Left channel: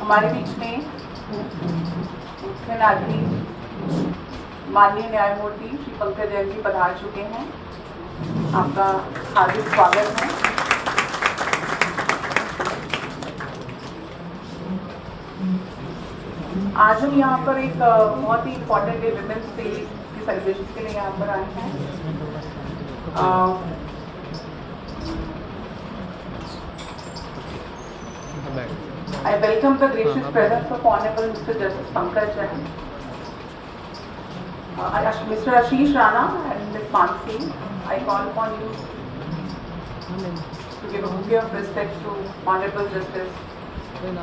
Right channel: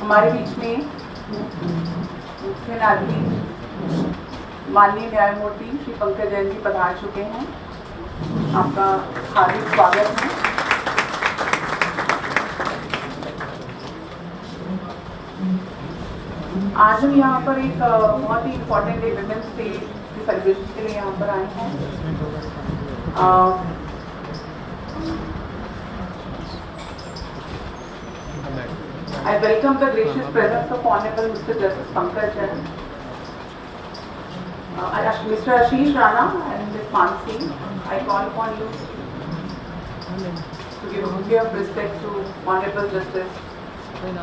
हमारे बीच में मुख्य न्यायाधीश माननीय न्यायमूर्ति श्री पंकज जैन जी पधार चुके हैं। आपका हार्दिक स्वागत है। आज हम यहाँ पर एक बहुत ही इम्पोर्टेंट डे वुमेन्स डे की सेलिब्रेशन के लिए यहाँ पर आए हैं। I welcome the gracious presence of Hon'ble Mr. Justice Pankaj Jain, Mr. Ashish Rana and Ms. Mansi. I call upon you to give a duty of respect to Hon'ble Justice Jain.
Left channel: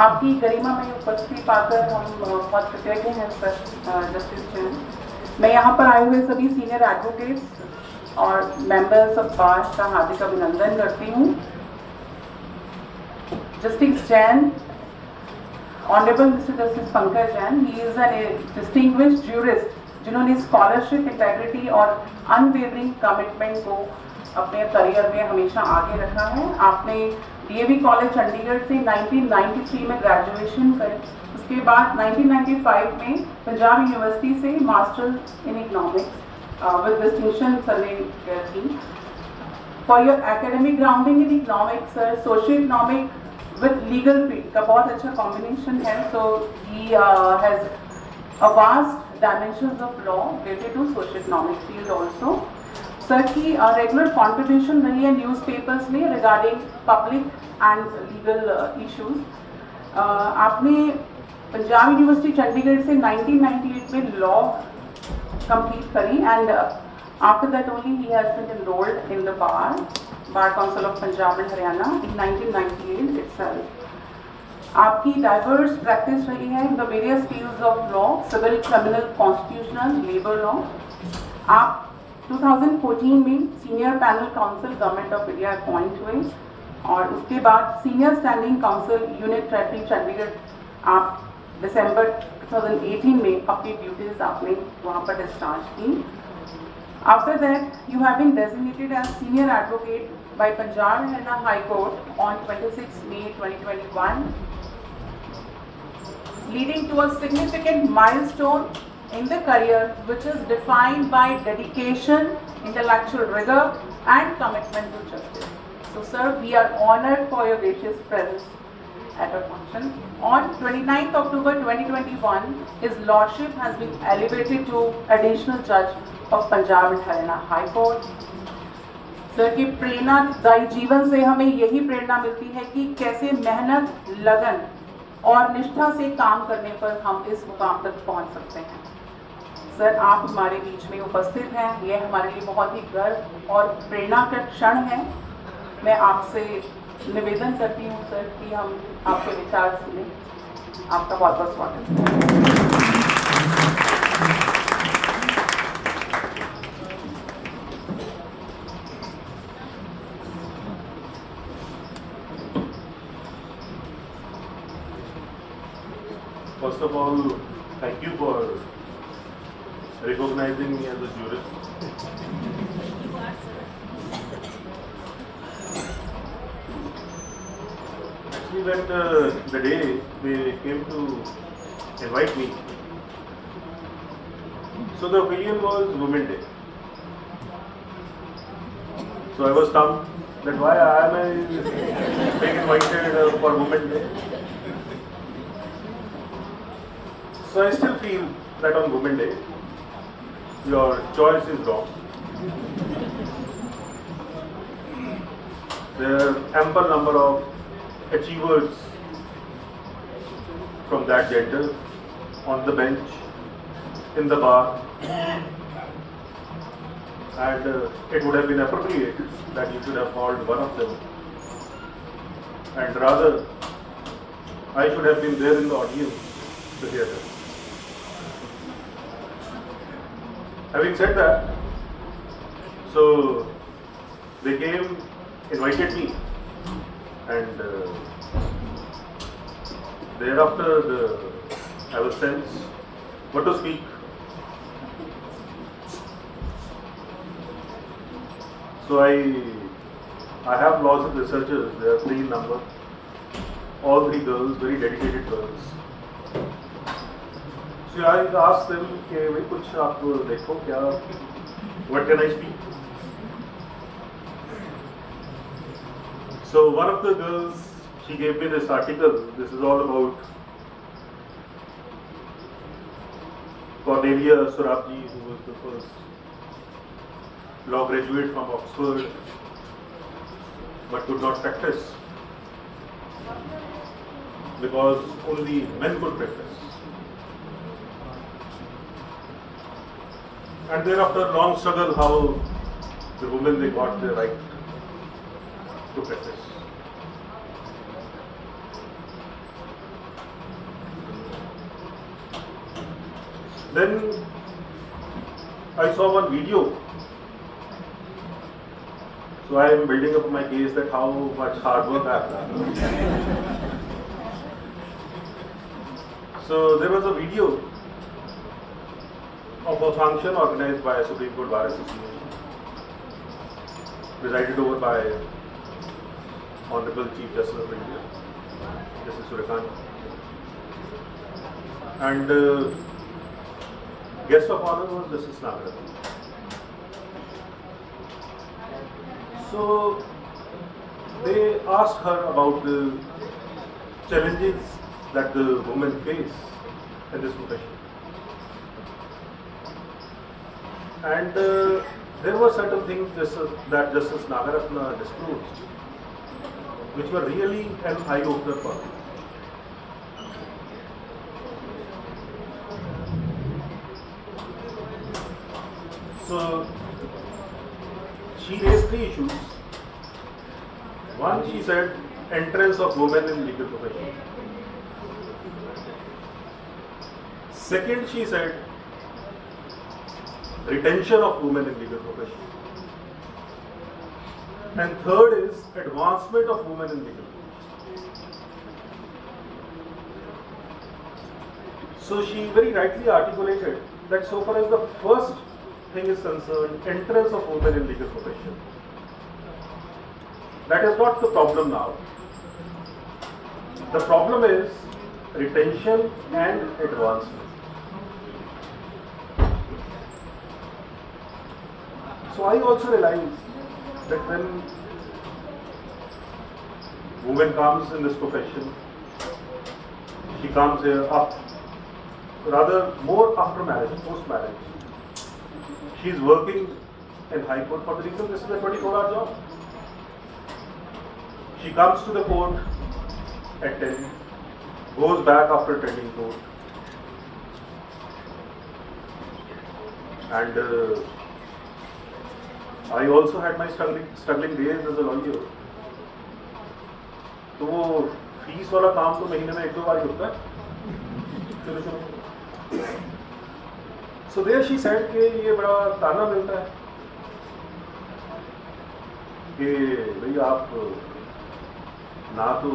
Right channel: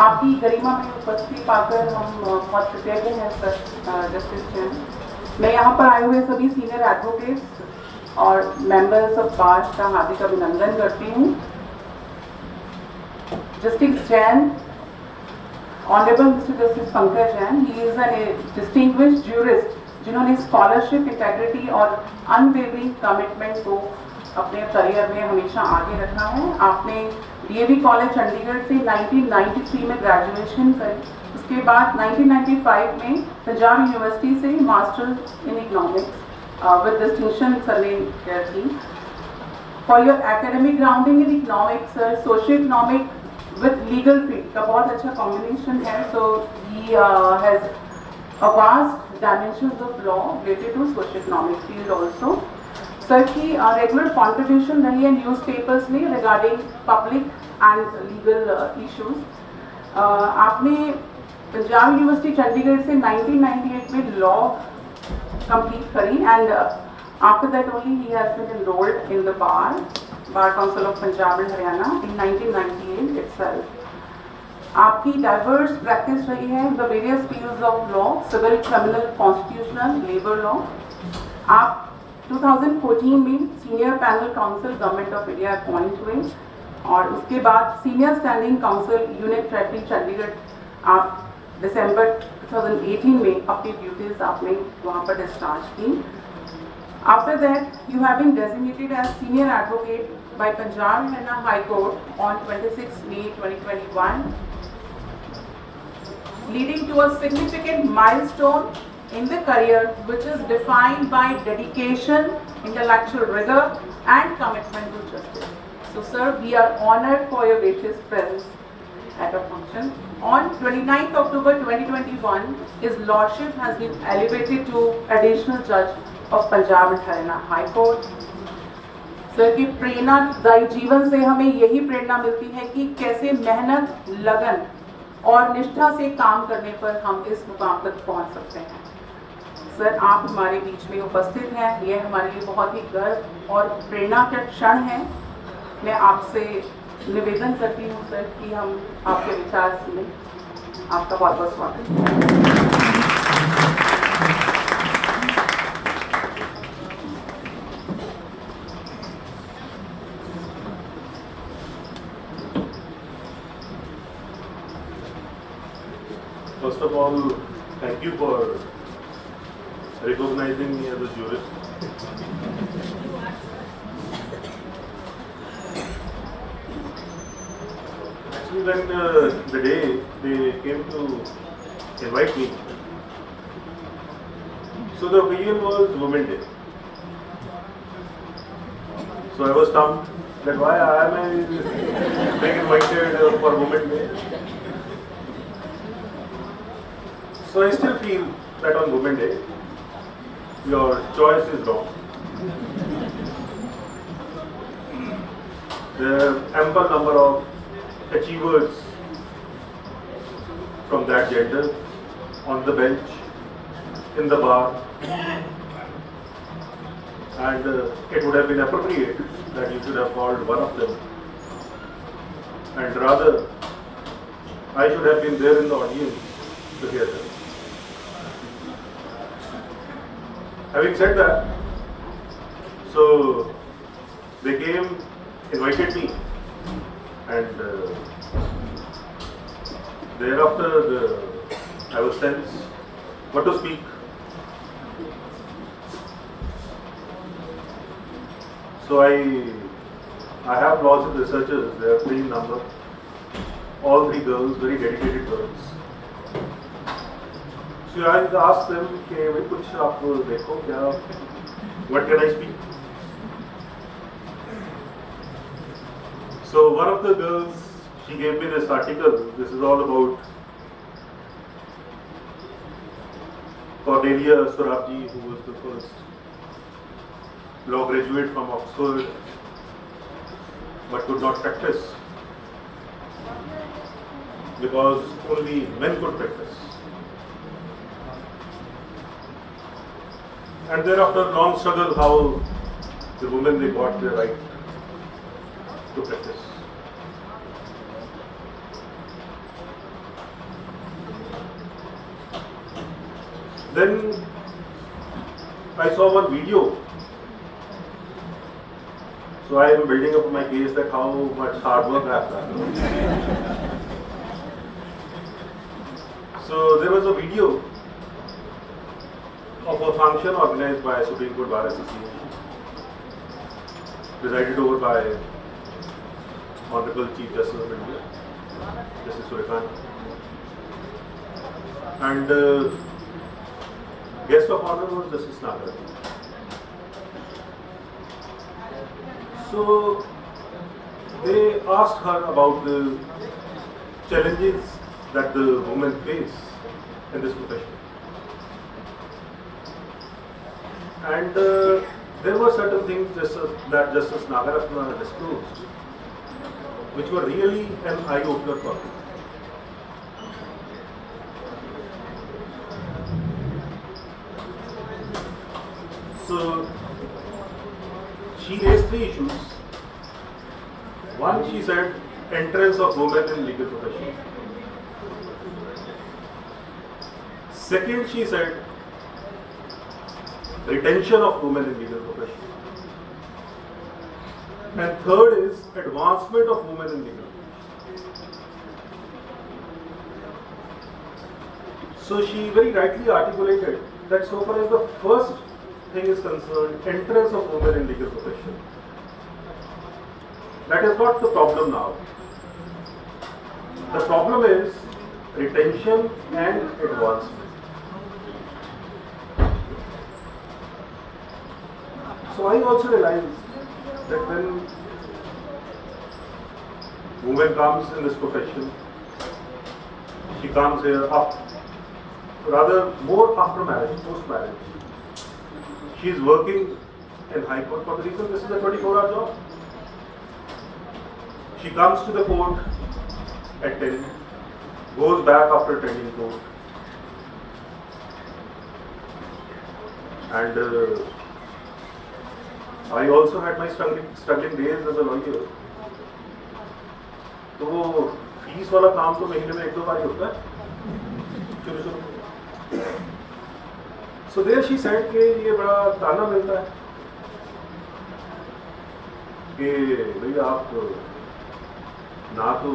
आपकी गरिमा में उपस्थिति पाकर हम बहुत कृतज्ञ हैं justice Jain. मैं यहाँ पर आए हुए सभी सीनियर एडवोकेट्स और मेंबर्स ऑफ बार का हार्दिक अभिनंदन करती हूँ। Justice Jain, honourable mister justice Pankaj Jain, he is an distinguished jurist जिन्होंने स्कॉलरशिप, इंटेग्रिटी और अनवेवरिंग कमिटमेंट को अपने करियर में हमेशा आगे रखा है। आपने डीएवी कॉलेज चंडीगढ़ से 1993 में ग्रेजुएशन करी। उसके बाद 1995 में पंजाब यूनिवर्सिटी से masters in economics with distinction सर्वे की। For your academic grounding in economics sir, socio economic with legal field का बहुत अच्छा कॉम्बिनेशन है। So he has a vast dimensions of law related to socio economic field also. Sir की regular contribution रही है newspapers में regarding public and legal issues. आपने Punjab university Chandigarh से 1998 में लॉ कंप्लीट करी and after that only he has been enrolled in the bar council of Punjab and Haryana in 1998 itself. आपकी diverse practice रही है in the various fields of law, civil, criminal, constitutional, labour law. आप 2014 में senior panel counsel government of India appoint हुए और उसके बाद senior standing counsel unit treasury Chandigarh आप दिसंबर 2018 में अपनी ड्यूटीज आपने वहाँ पर डिस्चार्ज की। After that you have been designated as senior advocate by Punjab Haryana high court on 26 May 2021, leading to a significant milestone in the career which is defined by dedication, intellectual rigor and commitment to justice. So sir, we are honored for your gracious presence at our function. On 29th October 2021, His Lordship has been elevated to Additional Judge of Punjab and Haryana High Court. Sir की प्रेरणादायी जीवन से हमें यही प्रेरणा मिलती है कि कैसे मेहनत, लगन और निष्ठा से काम करने पर हम इस मुकाम तक पहुंच सकते हैं। सर, आप हमारे बीच में उपस्थित हैं, यह हमारे लिए बहुत ही गर्व और प्रेरणा का क्षण है। मैं आपसे निवेदन करती हूँ सर कि हम आपके विचार सुने। आपका बहुत बहुत स्वागत। First of all, thank you for recognizing me as a jurist. Actually, when the day they came to invite me, so the occasion was Women's Day. So I was stumped that why am I being invited for Women's Day? So I still feel that on Women's Day, your choice is wrong. There are ample number of achievers from that gender on the bench, in the bar, and it would have been appropriate that you should have called one of them, and rather I should have been there in the audience to hear them. Having said that, so they came, invited me, And thereafter, I was sent what to speak. So I have lots of researchers. They are 3 in number. All 3 girls, very dedicated girls. So I asked them, "Okay, we kuch aap dekho kya? What can I speak?" So one of the girls, she gave me this article. This is all about Cornelia Sorabji, who was the first law graduate from Oxford, but could not practice because only men could practice. And thereafter, long struggle, how the women, they got the right to practice. Then I saw one video. So I am building up my case that how much hard work I have done. So there was a video of a function organized by Supreme Court Bar Association, presided over by Honorable Chief Justice of India, Justice Surikant, and guest of honor was Justice Nagar. So they asked her about the challenges that the women face in this profession. And there were certain things that Justice Nagaratna disclosed, which were really an eye-opener for me. So she raised 3 issues. One, she said, entrance of women in legal profession. Second, she said, retention of women in legal profession. And third is advancement of women in legal profession. So she very rightly articulated that so far as the first thing is concerned, entrance of women in legal profession, that is not the problem now. The problem is retention and advancement. So I also realized that when woman comes in this profession, she comes here rather more after marriage, post marriage. She is working in High Court for the reason this is a 24-hour job. She comes to the court at 10, goes back after attending court, and I also had my struggling days as a lawyer. तो वो fees वाला काम तो महीने में 1-2 बार ही होता है शुरू। So there she said कि ये बड़ा ताना मिलता है कि भाई आप ना तो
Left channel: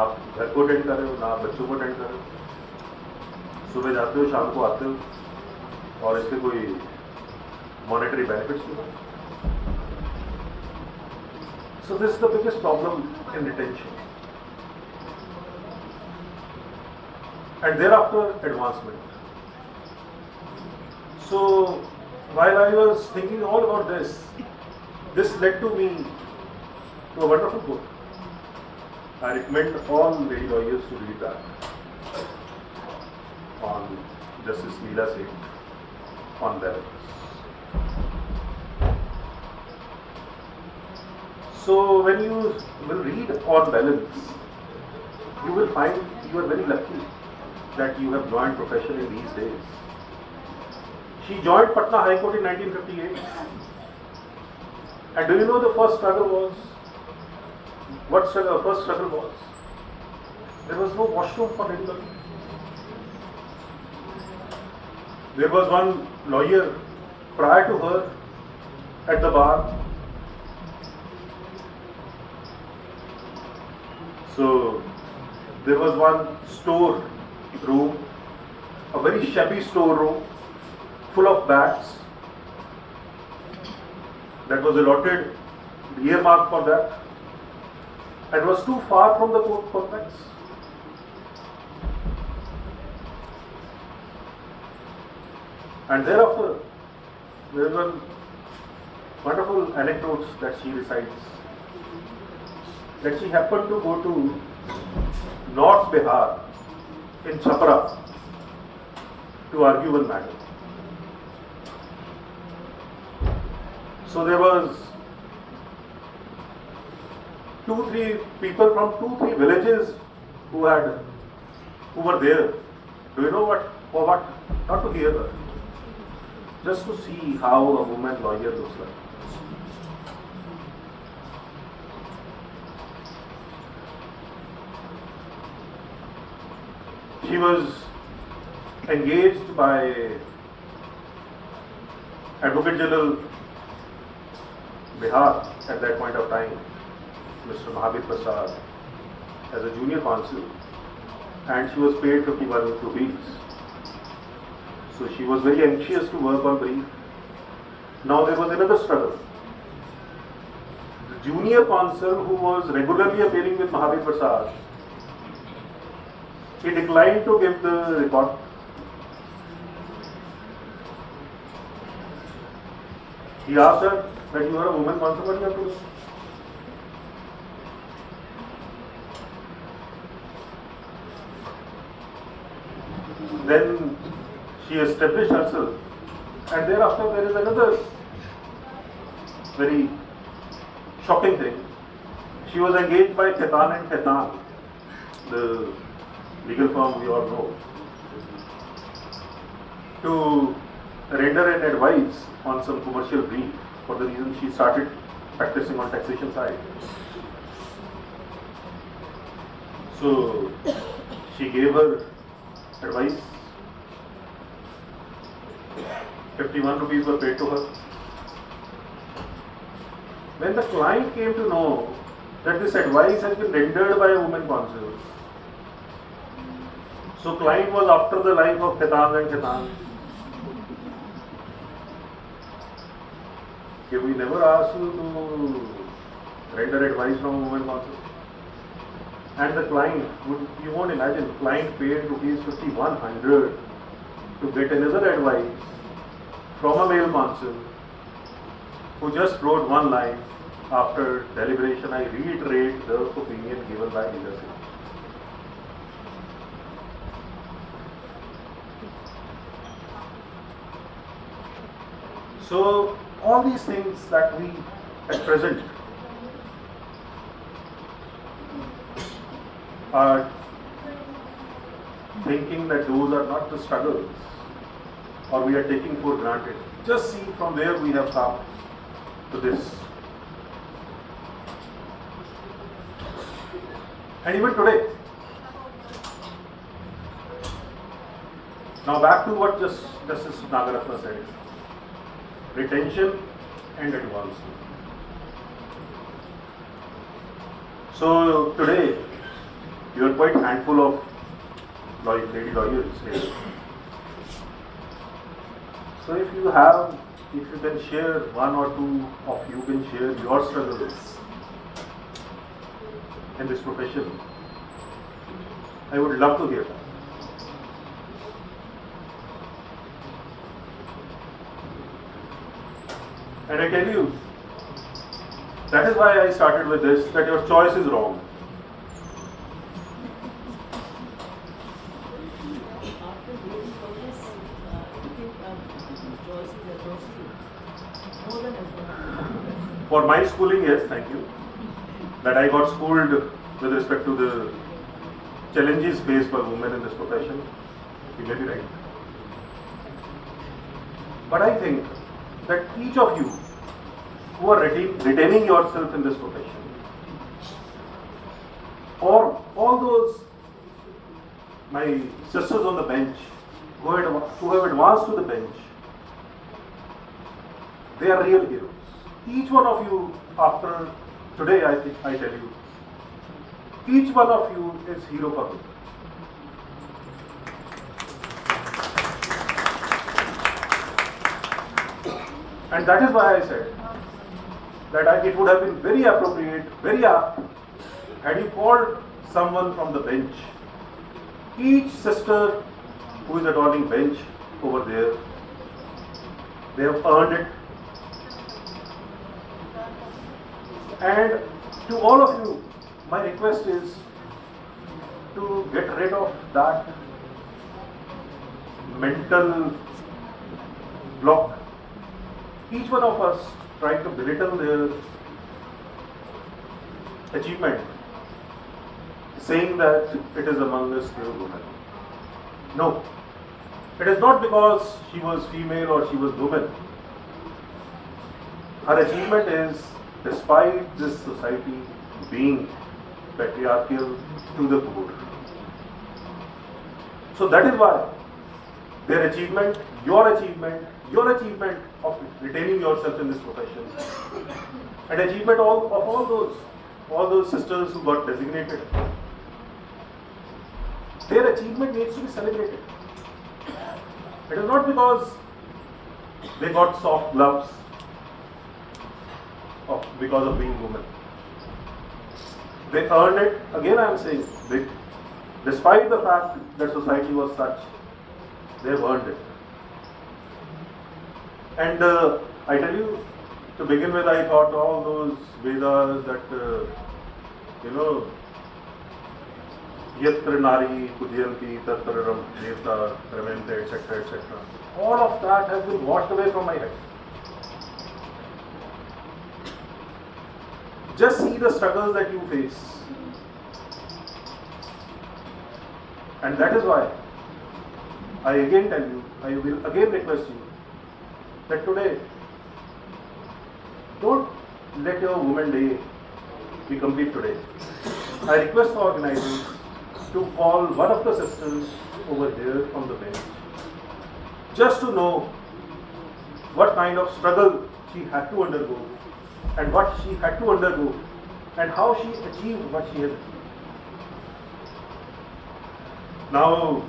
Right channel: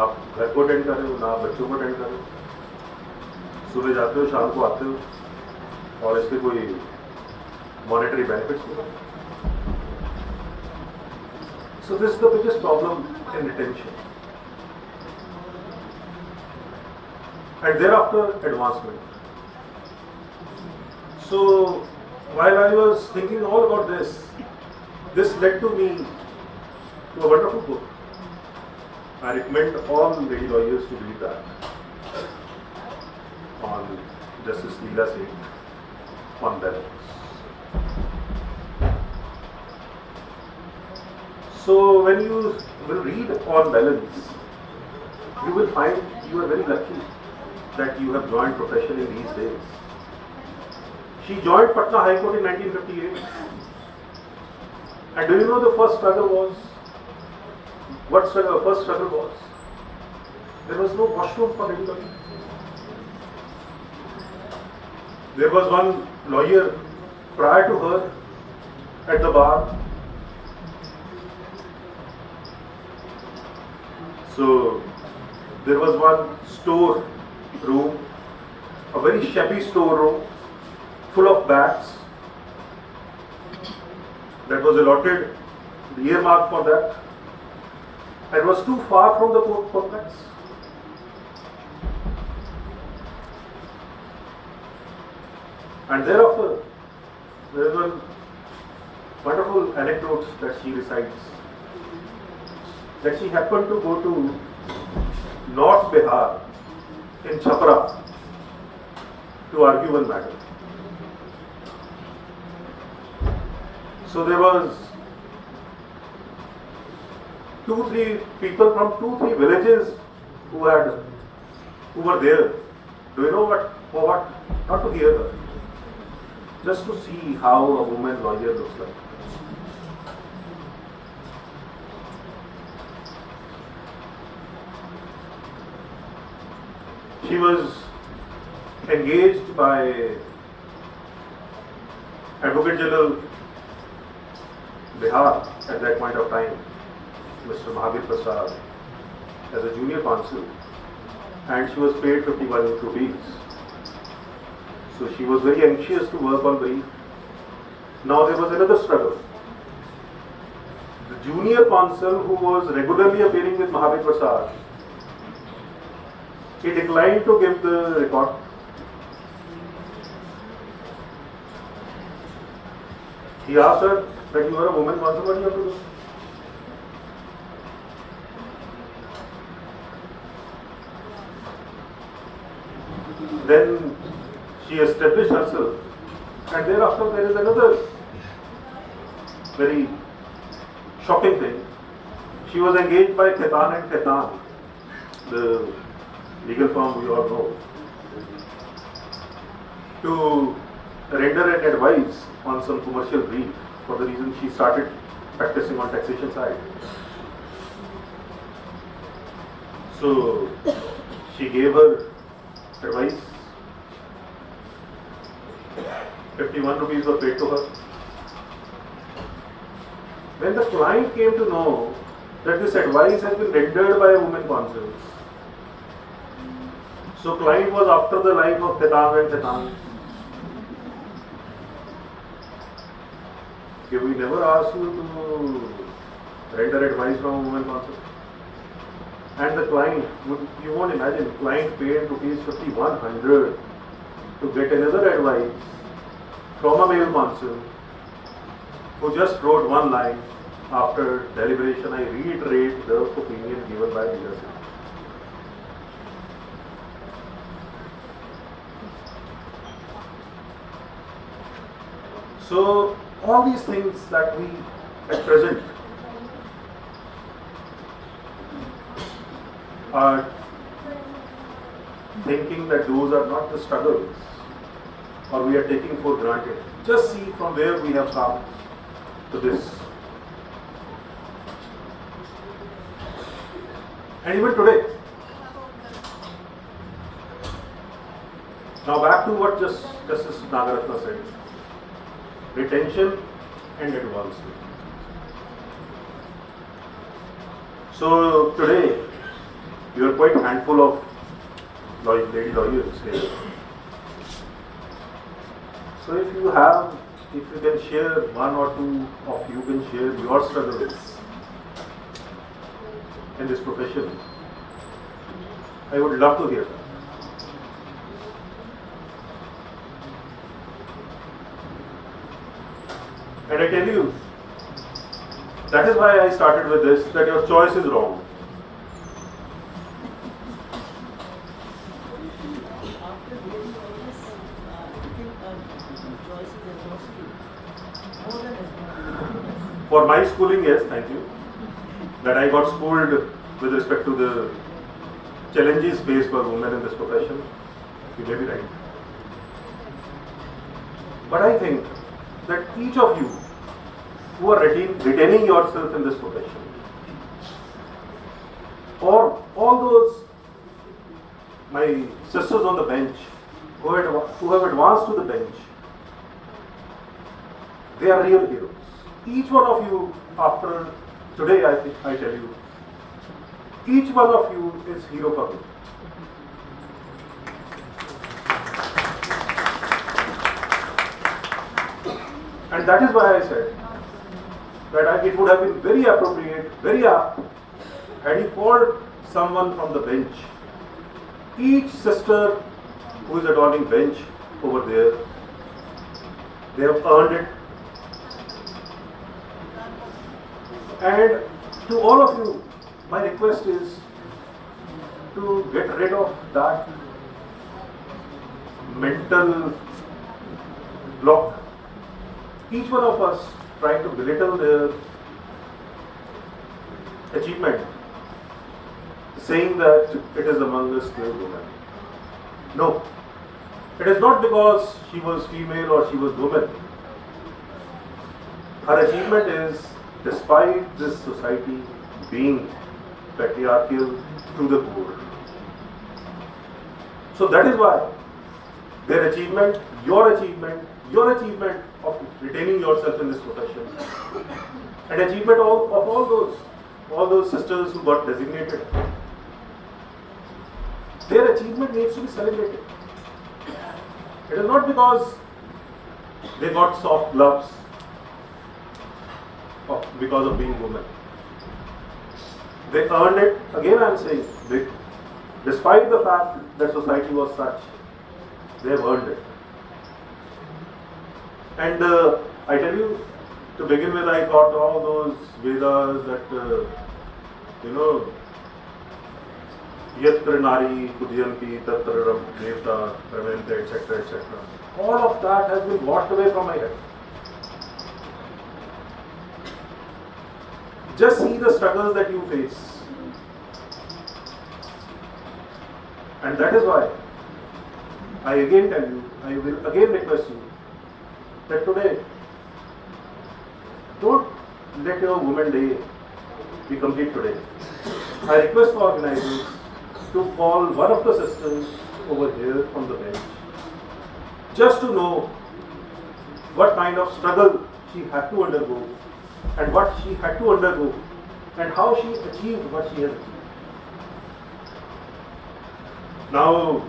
आप घर को अटेंड कर रहे हो, ना बच्चों को अटेंड कर रहे हो, सुबह जाते हो शाम को आते हो और इसके कोई monetary benefits to them. So this is the biggest problem in retention. And thereafter advancement. So while I was thinking all about this led to me to a wonderful book. I recommend all lady lawyers to read that on Justice Leela Singh, on balance. So when you will read on balance, you will find you are very lucky that you have joined profession in these days. She joined Patna High Court in 1958. And do you know the first struggle was? What struggle? First struggle was? There was no washroom for anybody. There was one lawyer prior to her at the bar. So there was one store room, a very shabby store room, full of bags that was allotted, earmarked for that, and was too far from the court complex. And thereafter, there is a wonderful anecdote that she recites, that she happened to go to North Bihar in Chhapra to argue one matter. So there was 2-3 people from 2-3 villages who were there. Do you know what? For what? Not to hear her, just to see how a woman lawyer looks like. She was engaged by Advocate General Bihar at that point of time, Mr. Hon'ble Mr. as a junior counsel, and she was paid 51 rupees. So she was very anxious to work on brief. Now there was another struggle. The junior counsel who was regularly appearing with Hon'ble Mr. he declined to give the report. He asked her that you are a woman counsel, what do you have to do? Then she established herself, and thereafter there is another very shocking thing. She was engaged by Khaitan and Khaitan, the legal firm we all know, to render an advice on some commercial brief, for the reason she started practicing on taxation side. So she gave her advice. 51 rupees were paid to her. When the client came to know that this advice has been rendered by a woman counsel, so client was after the life of Khaitan and Khaitan. Okay, we never asked you to render advice from a woman counsel. And the client, you won't imagine, client paid rupees 5,100 to get another advice from a male counsel who just wrote one line: after deliberation, I reiterate the opinion given by leadership. So all these things that we at present are thinking that those are not the struggles, or we are taking for granted. Just see from where we have come to this. And even today. Now back to what Justice Nagaratna said. Retention and advancement. So today, you are quite handful of lady lawyers here. So if you can share, one or two of you can share your struggles in this profession, I would love to hear. And I tell you, that is why I started with this, that your choice is wrong. For my schooling, yes, thank you. That I got schooled with respect to the challenges faced by women in this profession. You may be right. But I think that each of you who are retaining yourself in this profession, or all those my sisters on the bench who have advanced to the bench, they are real heroes. Each one of you, after today, I tell you, Each one of you is hero for me. And that is why I said that it would have been very appropriate, very apt, had you called someone from the bench. Each sister who is adorning bench over there, they have earned it. And to all of you, my request is to get rid of that mental block. Each one of us try to belittle their achievement, saying that it is among us pure women. No, it is not because she was female or she was woman. Her achievement is despite this society being patriarchal to the core. So that is why their achievement of retaining yourself in this profession, and achievement of all those sisters who got designated, their achievement needs to be celebrated. It is not because they got soft gloves because of being women. They earned it. Again, I am saying, despite the fact that society was such, they have earned it. And I tell you, to begin with, I thought all those Vedas that, Yatra Nari, Pudyanti, Tatra Devta, Ramenta, etc., etc. All of that has been washed away from my head. Just see the struggles that you face. And that is why I again tell you, I will again request you that today, don't let your Women Day be complete today. I request for organizers to call one of the sisters over here from the bench, just to know what kind of struggle she had to undergo, and what she had to undergo, and how she achieved what she has achieved. Now,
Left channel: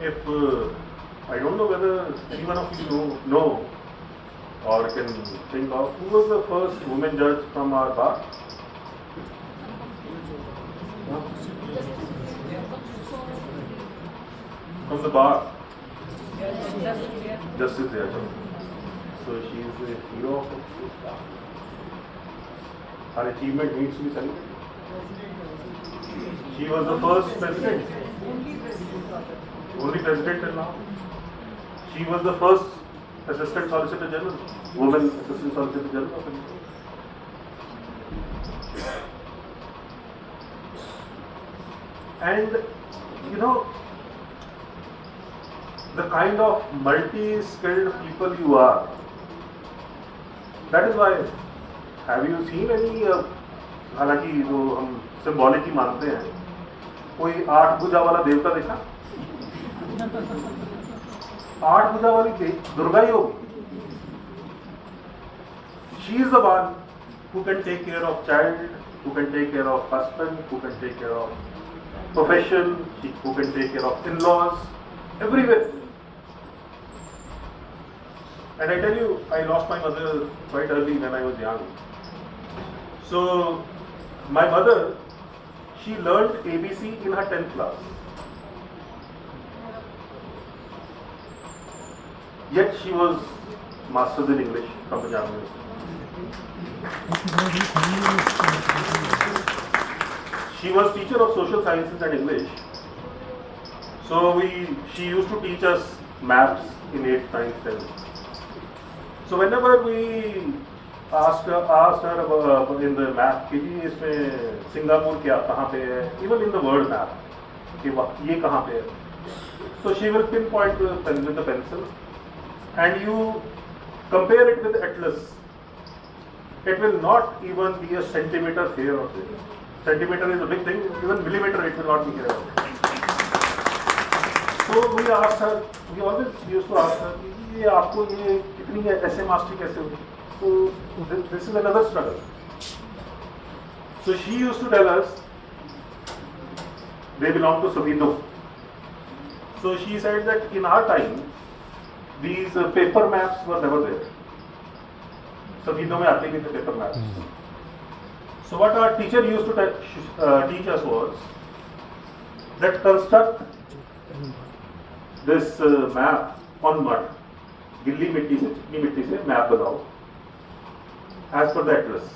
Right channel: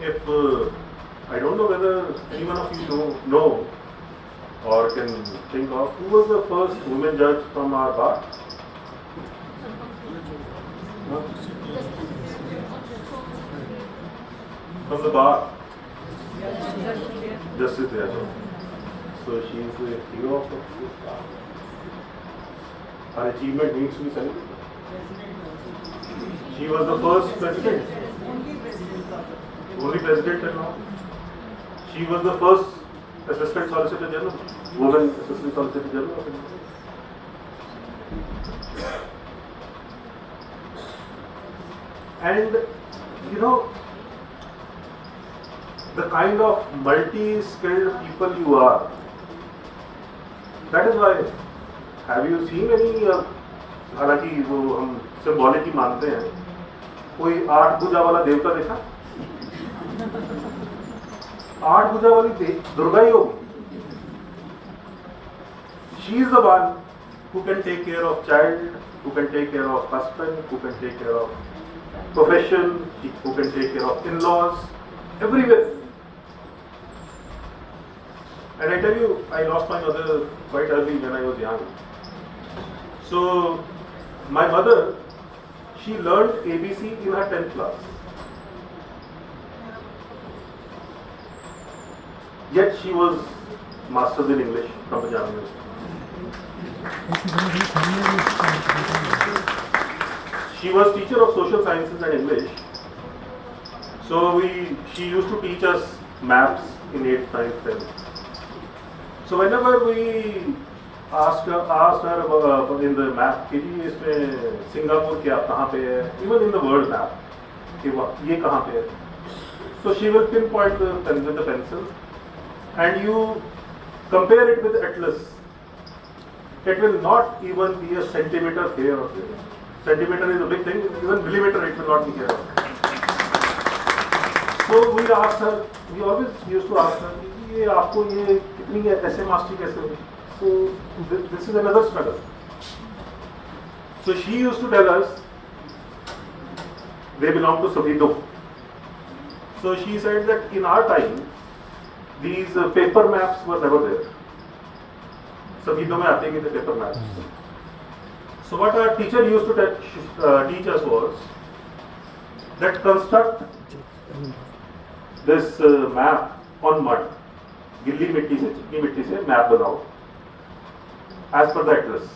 if I don't know whether any one of you know or can think of who was the first woman judge from our bar? Huh? From the bar? Justice there. So she is the hero of it. Her achievement needs to be celebrated. She was the first president. Only president till now. She was the first Assistant Solicitor General, woman Assistant Solicitor General. And the kind of multi-skilled people you are, that is why, have you seen any, हालांकि वो हम symbolic ही मानते हैं, कोई 8 भुजा वाला देवता देखा? 8 भुजा वाली दुर्गा ही होगी. She is the one who can take care of child, who can take care of husband, who can take care of profession, who can take care of in-laws, everywhere. And I tell you, I lost my mother quite early when I was young. So my mother, she learned ABC in her 10th class. Yet she was masters in English from Punjab University. She was teacher of social sciences and English. So she used to teach us maths in 8th, 9th, 10th. So whenever we asked her about in the map, कि जी इसमें Singapore क्या कहाँ पे है, even in the word map, कि ये कहाँ पे है, so she will pinpoint with the pencil, and you compare it with atlas. It will not even be a centimeter here or there. Centimeter is a big thing, even millimeter it will not be here. So we asked her, we always used to ask her, ये आपको ये कितनी ऐसे mastery कैसे हुई? So this is another struggle. So she used to tell us they belong to Sabino. So she said that in our time, these paper maps were never there. Sabino mein aate nahi the paper maps. So what our teacher used to teach us was that construct this map on mud. गिल्ली मिट्टी से, चिकनी मिट्टी से map बनाओ as per the atlas.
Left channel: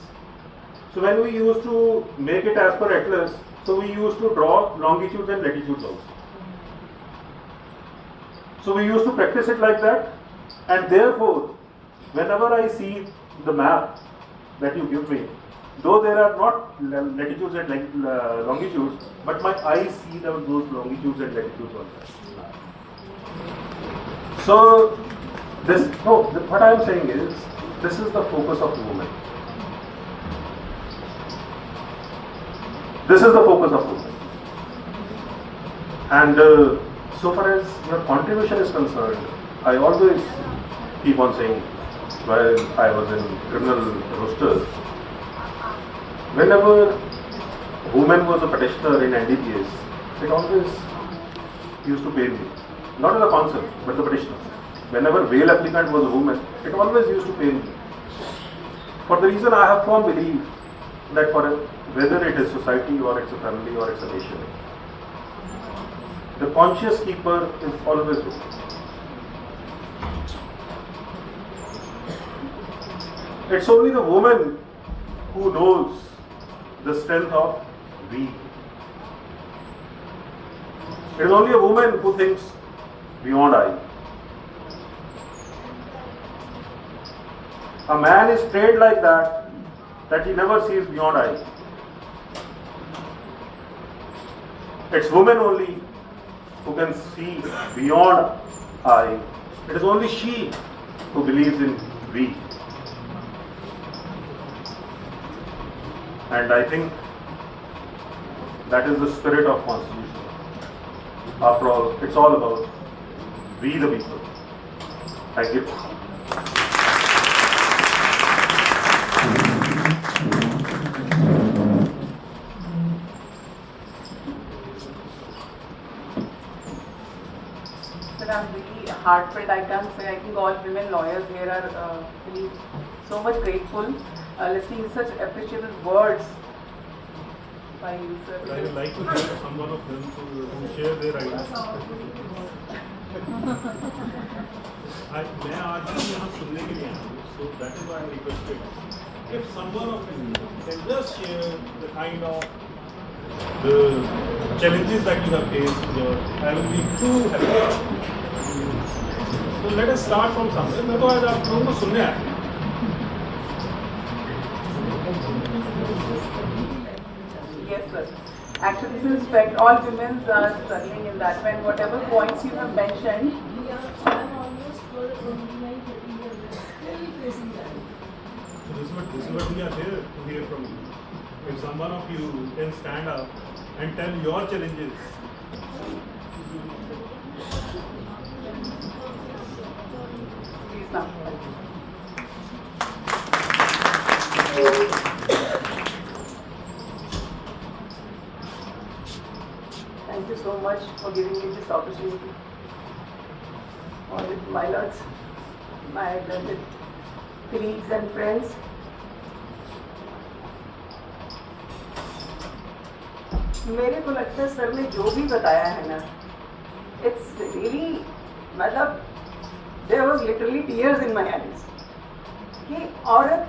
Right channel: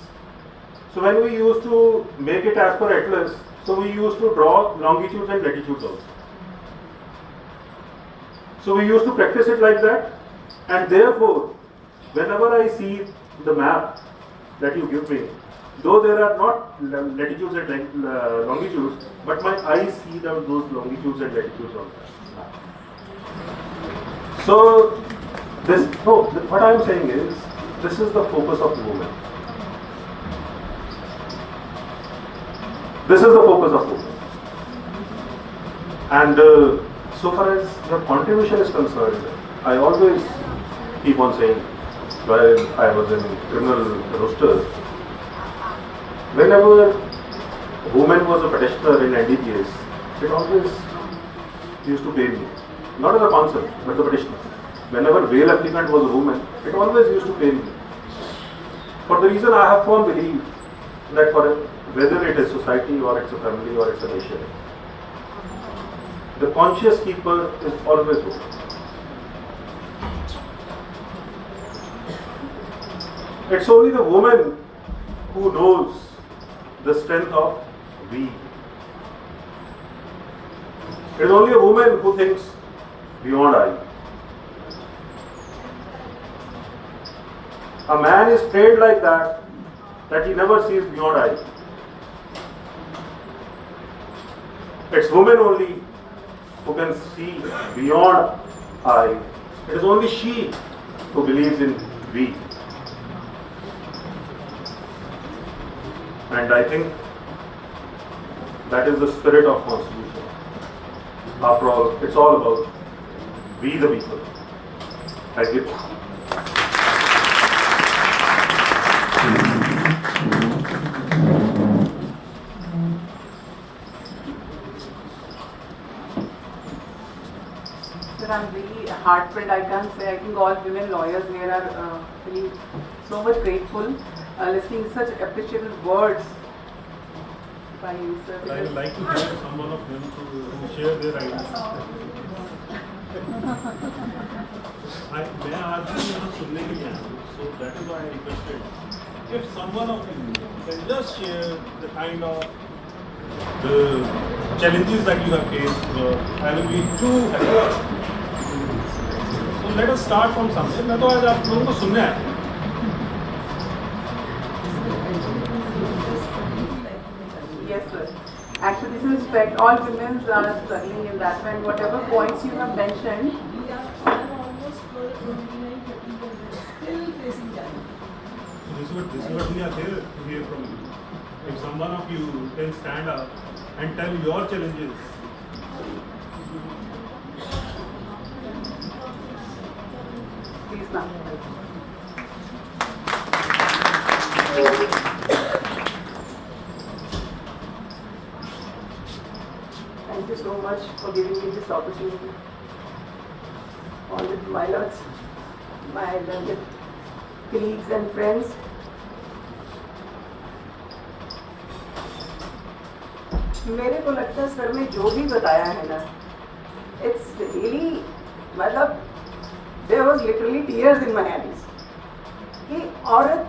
So when we used to make it as per atlas, so we used to draw longitudes and latitudes also. So we used to practice it like that, and therefore whenever I see the map that you give me, though there are not latitudes and longitudes, but my eyes see those longitudes and latitudes on that. So what I am saying is, this is the focus of the woman. This is the focus of women. And so far as your contribution is concerned, I always keep on saying, while I was in criminal roster, whenever a woman was a petitioner in NDPS, it always used to pain me. Not as a counsel, but the petitioner. Whenever bail applicant was a woman, it always used to pain me. For the reason I have firm belief that whether it is society or it's a family or it's a nation, the conscious keeper is always woman. It's only the woman who knows the strength of we. It is only a woman who thinks beyond I. A man is trained like that he never sees beyond I. It's women only who can see beyond I. It is only she who believes in we. And I think that is the spirit of Constitution. After all, it's all about we the people. Thank you. I'm really heartfelt. I can't say. I think all women lawyers here are really so much grateful, listening to such appreciable words by you, sir. But I would like to hear someone of them to share their ideas. मैं आज भी यहाँ सुनने के लिए आया हूँ, so that is why I requested. If someone of you can just share the kind of the challenges that you have faced, I will be too happy. So let us start from somewhere. मैं तो आज आप लोगों को सुनने आया हूँ. Yes, sir. Actually, this is respect. All women are struggling in that. And whatever points you have mentioned. So this is what we are here to hear from you. If someone of you can stand up and tell your challenges. Please come. Thank you so much for giving me this opportunity. All the pilots, my colleagues and friends. मेरे को लगता है sir ने जो भी बताया है ना, it's really मतलब there was literally tears in my eyes कि औरत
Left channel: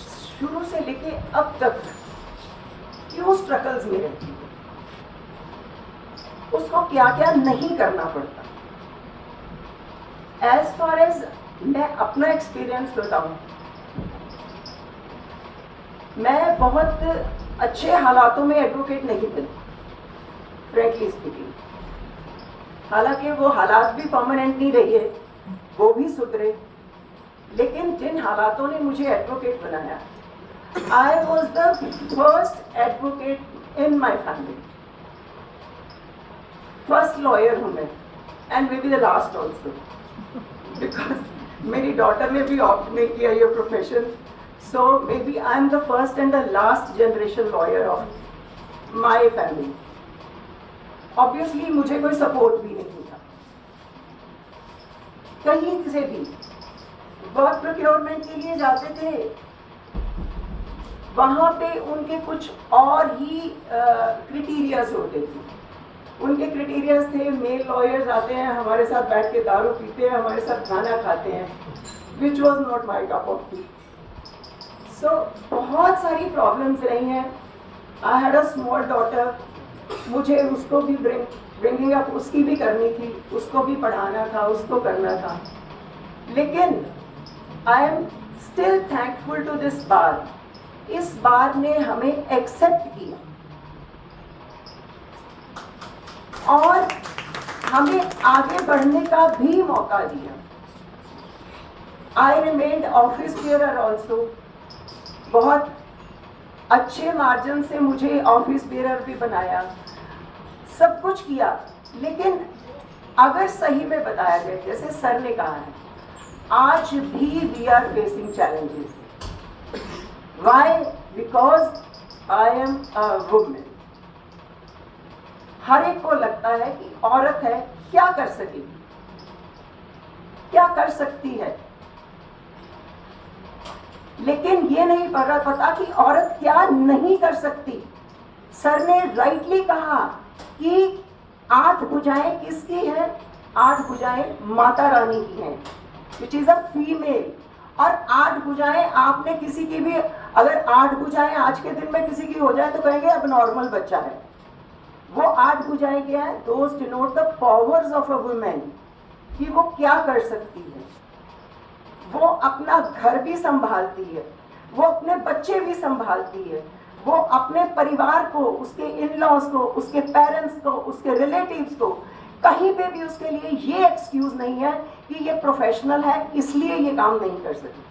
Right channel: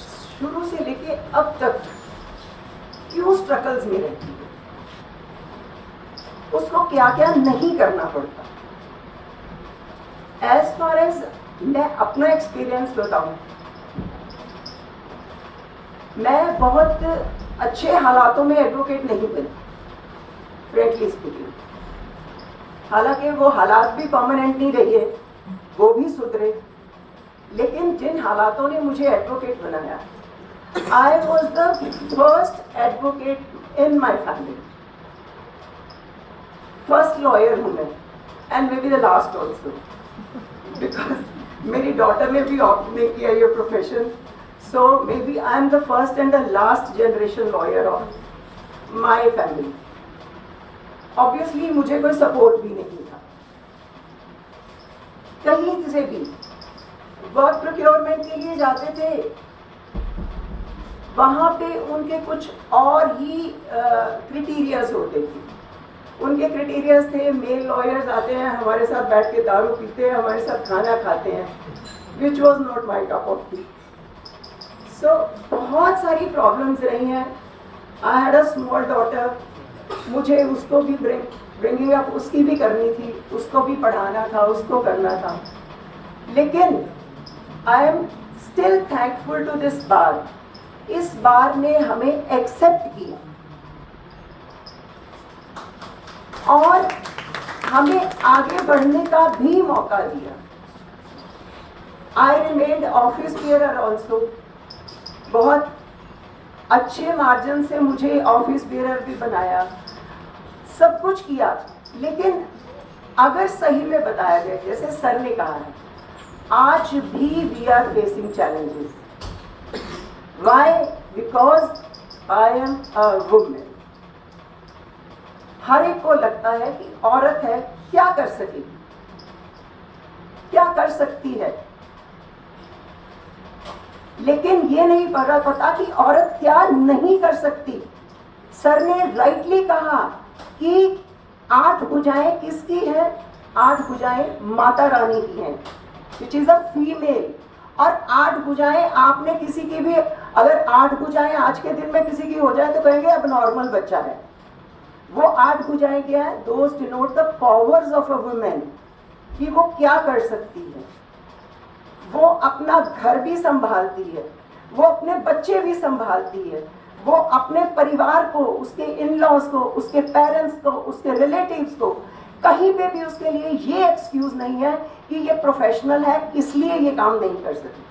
शुरू से लेके अब तक क्यों स्ट्रगल्स में रहती है, उसको क्या क्या नहीं करना पड़ता. एज फार एज मैं अपना एक्सपीरियंस बताऊं, मैं बहुत अच्छे हालातों में एडवोकेट नहीं बनी, फ्रेंकली स्पीकिंग. हालांकि वो हालात भी परमानेंट नहीं रहे, वो भी सुधरे, लेकिन जिन हालातों ने मुझे एडवोकेट बनाया, I was the first advocate in my family. First lawyer हूँ मैं, and may be the last also, because मेरी डॉटर ने भी ऑप्ट नहीं किया ये profession. So maybe I am the first and the last generation lawyer of my family. Obviously मुझे कोई सपोर्ट भी नहीं था कहीं से भी. वर्क प्रोक्योरमेंट के लिए जाते थे, वहाँ पे उनके कुछ और ही क्राइटेरियाज होते थे. उनके क्राइटेरियाज थे, मेल लॉयर्स आते हैं हमारे साथ बैठ के दारू पीते हैं, हमारे साथ खाना खाते हैं, which was not my cup of tea. So बहुत सारी प्रॉब्लम्स रही हैं. I had a small daughter, मुझे उसको भी ब्रिंगिंग अप उसकी भी करनी थी, उसको भी पढ़ाना था, उसको करना था. लेकिन I am still thankful to this bar. इस बार ने हमें एक्सेप्ट किया और हमें आगे बढ़ने का भी मौका दिया. आई रिमेन्ड ऑफिस बेयरर ऑल्सो. बहुत अच्छे मार्जिन से मुझे ऑफिस बेयरर भी बनाया, सब कुछ किया. लेकिन अगर सही में बताया गया, जैसे सर ने कहा है, आज भी we are facing challenges. Why? Because I am a women. हर एक को लगता है कि औरत है, क्या कर सकेगी, क्या कर सकती है. लेकिन ये नहीं पता कि औरत क्या नहीं कर सकती. सर ने राइटली कहा कि 8 भुजाएं किसकी हैं? 8 भुजाएं माता रानी की हैं, विच इज अ फीमेल. और 8 भुजाएं आपने किसी की भी, अगर 8 भुजाएं आज के दिन में किसी की हो जाए तो कहेंगे अब नॉर्मल बच्चा है. वो 8 भुजाएं क्या है? Those denote the powers of a women, कि वो क्या कर सकती है. वो अपना घर भी संभालती है, वो अपने बच्चे भी संभालती है, वो अपने परिवार को, उसके इन लॉज को, उसके पेरेंट्स को, उसके रिलेटिव्स को, कहीं पे भी उसके लिए ये एक्सक्यूज नहीं है कि ये प्रोफेशनल है इसलिए ये काम नहीं कर सकती.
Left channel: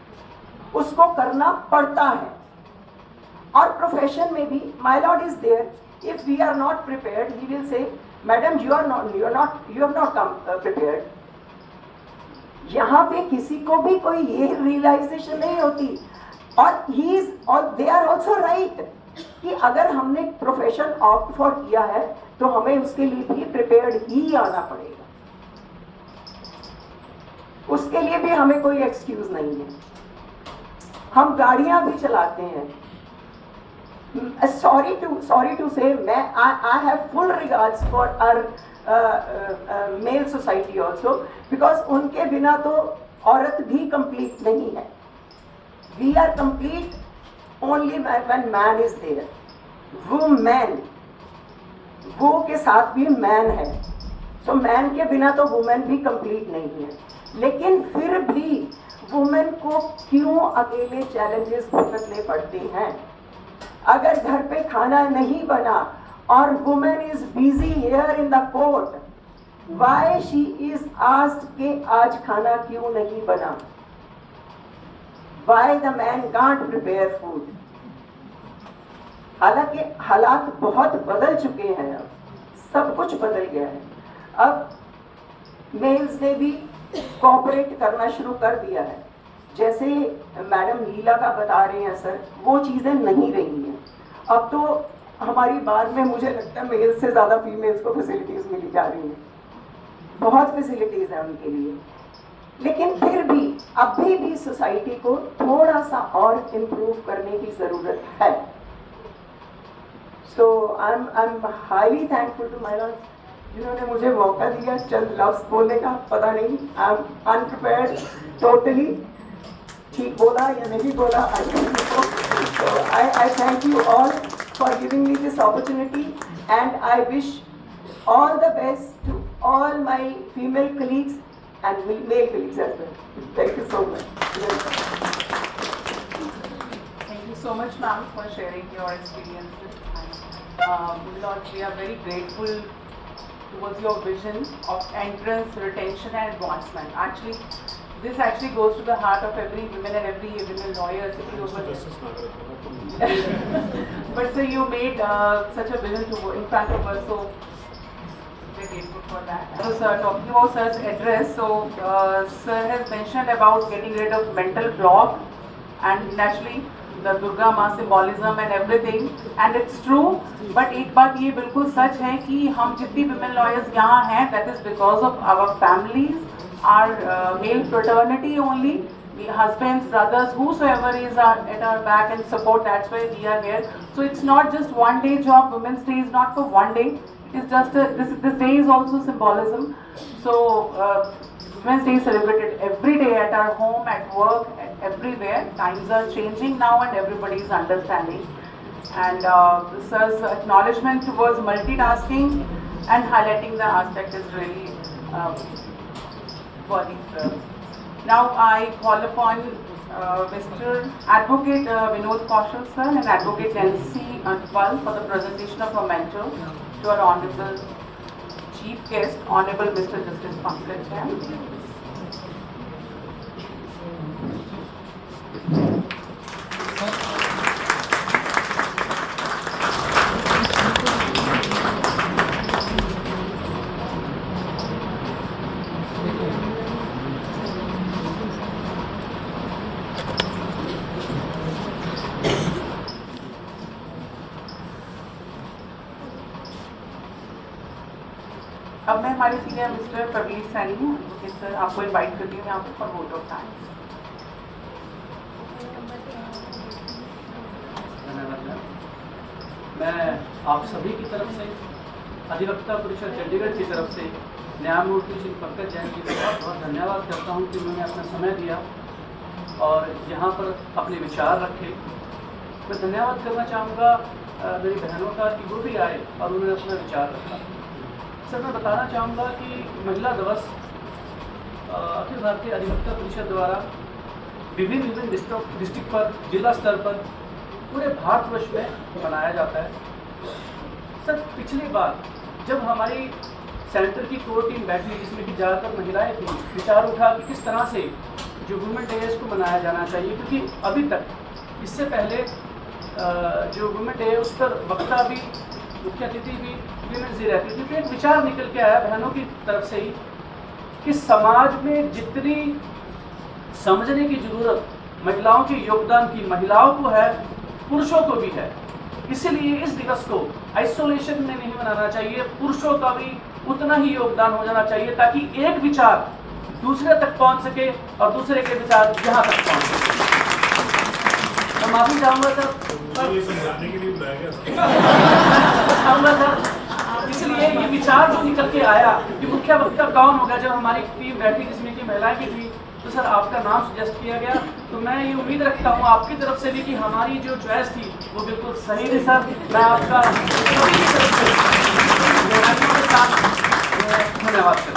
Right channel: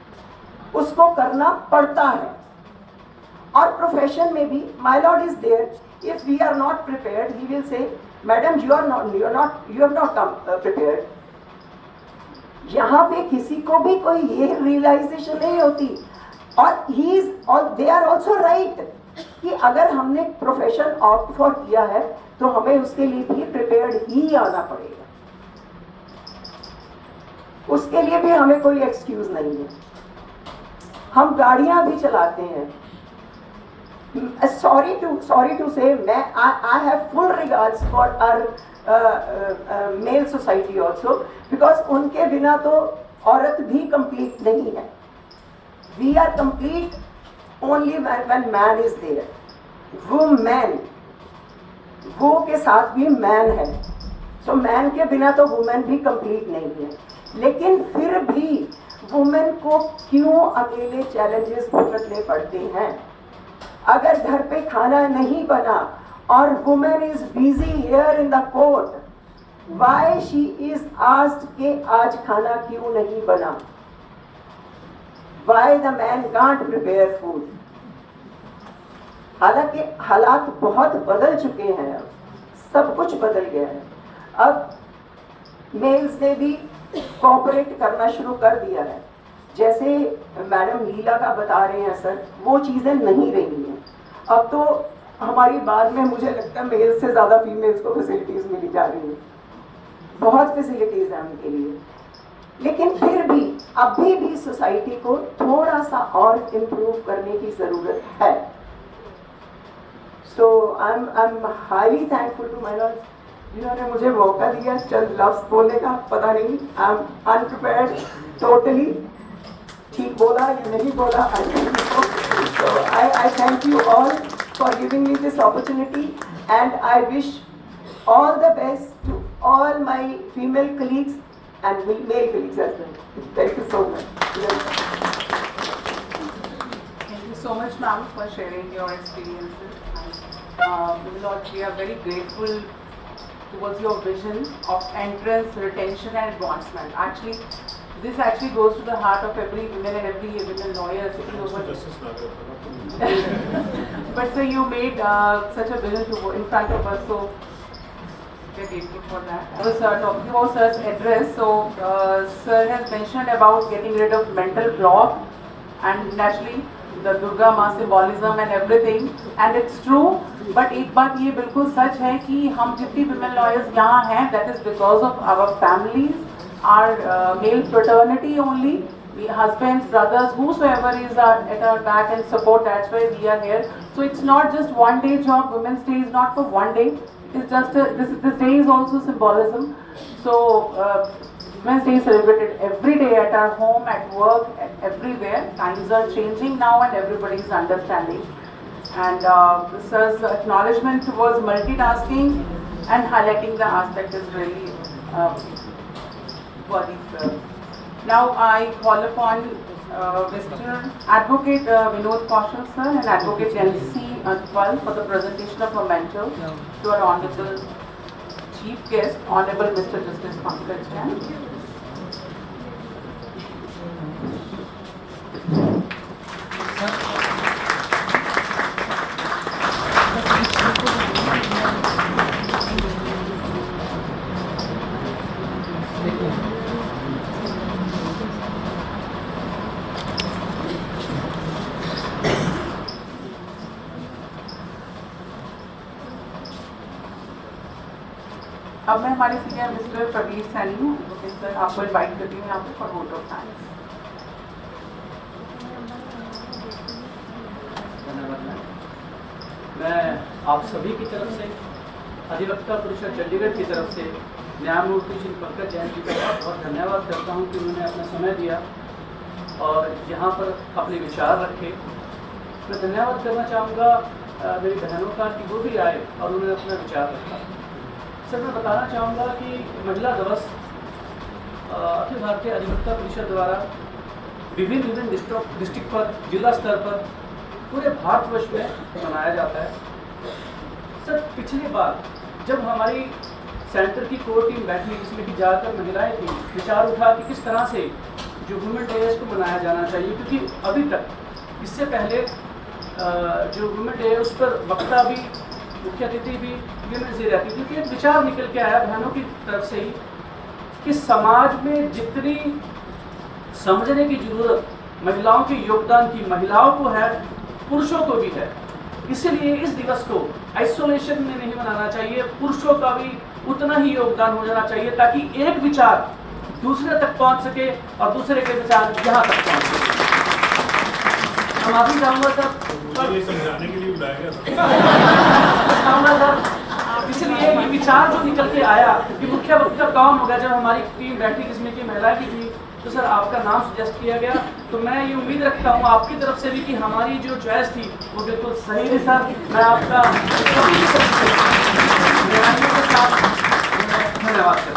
उसको करना पड़ता है. और प्रोफेशन में भी my lord is there. If we are not prepared, he will say madam you have not come prepared. यहाँ पे किसी को भी कोई ये रियलाइजेशन नहीं होती. और ही इज, और दे आर ऑल्सो राइट, कि अगर हमने प्रोफेशन ऑप्ट फॉर किया है तो हमें उसके लिए भी प्रिपेयर्ड ही आना पड़ेगा. उसके लिए भी हमें कोई एक्सक्यूज नहीं है. हम गाड़ियां भी चलाते हैं. सॉरी टू से, मैं I have full regards for our male society also, because उनके बिना तो औरत भी कंप्लीट नहीं है. We are complete only when man is there. Women, वो के साथ भी मैन है. सो मैन के बिना तो वुमेन भी कंप्लीट नहीं है. लेकिन फिर भी वुमेन को क्यों अकेले चैलेंजेस भुगतने पड़ते हैं? अगर घर पे खाना नहीं बना और women is busy here in the court, why she is asked कि आज खाना क्यों नहीं बना? Why the man can't prepare food? हालांकि हालात बहुत बदल चुके हैं, अब सब कुछ बदल गया है. अब मेल्स ने भी कोऑपरेट करना शुरू कर दिया है. जैसे मैडम लीला का बता रहे हैं सर, वो चीज़ें नहीं रही हैं. अब तो हमारी बार में मुझे लगता है मेल्स से ज़्यादा फीमेल्स को फैसिलिटीज़ मिली जा रही हैं. बहुत फैसिलिटीज़ हैं उनके लिए. लेकिन फिर भी अभी भी सोसाइटी को थोड़ा सा और इम्प्रूव करने की ज़रूरत है. So I am highly thankful to my lord, जिन्होंने मुझे मौका दिया चंद लफ्ज़ बोलने का. पता नहीं, आई एम अनप्रिपेयर्ड टोटली. ठीक बोला या नहीं बोला, I thank you all for giving me this opportunity, and I wish all the best to all my female colleagues and male colleagues as well. Thank you so much. Thank you so much, ma'am, for sharing your experiences. Lord, we are very grateful towards your vision of entrance, retention, and advancement. Actually, this actually goes to the heart of every woman and every women lawyer sitting over here. But so you made such a vision to in front of us, so we're grateful for that. I was talking about sir's address. So sir has mentioned about getting rid of mental block and naturally the Durga माँ symbolism and everything, and it's true. But एक बात ये बिल्कुल सच है कि हम जितनी women lawyers यहाँ हैं, that is because of our families, our male fraternity only, husbands, brothers, whosoever is at our back and support. That's why we are here. So it's not just one day job. Women's Day is not for one day. It's just this day is also symbolism. So Women's Day is celebrated every day at our home, at work, everywhere. Times are changing now, and everybody is understanding. And sir's acknowledgement towards multitasking and highlighting the aspect is really worthy, sir. Now I call upon Mr. Advocate Vinod Kaushal sir and Advocate Nancy Antwal for the presentation of a mentor to our Honorable Chief Guest, Hon'ble Mr. Justice Pankaj Jain. अब मैं हमारे senior mister Praveen Saini हूँ, sir आपको invite करती हूँ आपको for vote of thanks. मैं आप सभी की तरफ से, अधिवक्ता परिषद चंडीगढ़ की तरफ से न्यायमूर्ति श्री पंकज जैन जी का बहुत धन्यवाद करता हूँ कि उन्होंने अपना समय दिया और यहाँ पर अपने विचार रखे। मैं धन्यवाद करना चाहूँगा मेरी बहनों का कि वो भी आए और उन्होंने अपना विचार रखा। सर मैं बताना चाहूँगा कि महिला दिवस अखिल भारतीय अधिवक्ता परिषद द्वारा विभिन्न डिस्ट्रिक्ट पर, जिला स्तर पर पूरे भारतवर्ष में मनाया जाता है। सर पिछली बार जब हमारी सेंटर की कोर टीम बैठी जिसमें कि ज़्यादातर महिलाएं थी, विचार उठा कि किस तरह से जो वुमेन डे को मनाया जाना चाहिए, क्योंकि अभी तक इससे पहले जो वुमेन डे उस पर वक्ता भी, मुख्य अतिथि भी वीमेंस डे रहती थी। तो एक विचार निकल के आया बहनों की तरफ से ही कि समाज में जितनी समझने की जरूरत महिलाओं के योगदान की महिलाओं को है, पुरुषों को भी है। इसलिए इस दिवस को आइसोलेशन में नहीं मनाना चाहिए, पुरुषों का भी उतना ही योगदान हो जाना चाहिए ताकि एक विचार दूसरे तक पहुंच सके और दूसरे के विचार यहाँ तक पहुंच सके। मैं माफी चाहूँगा सर, ये समझाने के लिए बुलाया गया सर। इसलिए ये विचार जो निकल के आया कि मुख्य वक्ता कौन होगा, जब हमारी टीम बैठी जिसमें कि महिलाएं भी थी, तो सर आपका नाम सजेस्ट किया गया। तो मैं ये उम्मीद रखता हूँ आपकी तरफ से भी कि हमारी जो चॉइस थी वो बिल्कुल सही थी। सर मैं आपका सभी तरफ से के साथ धन्यवाद करता हूँ।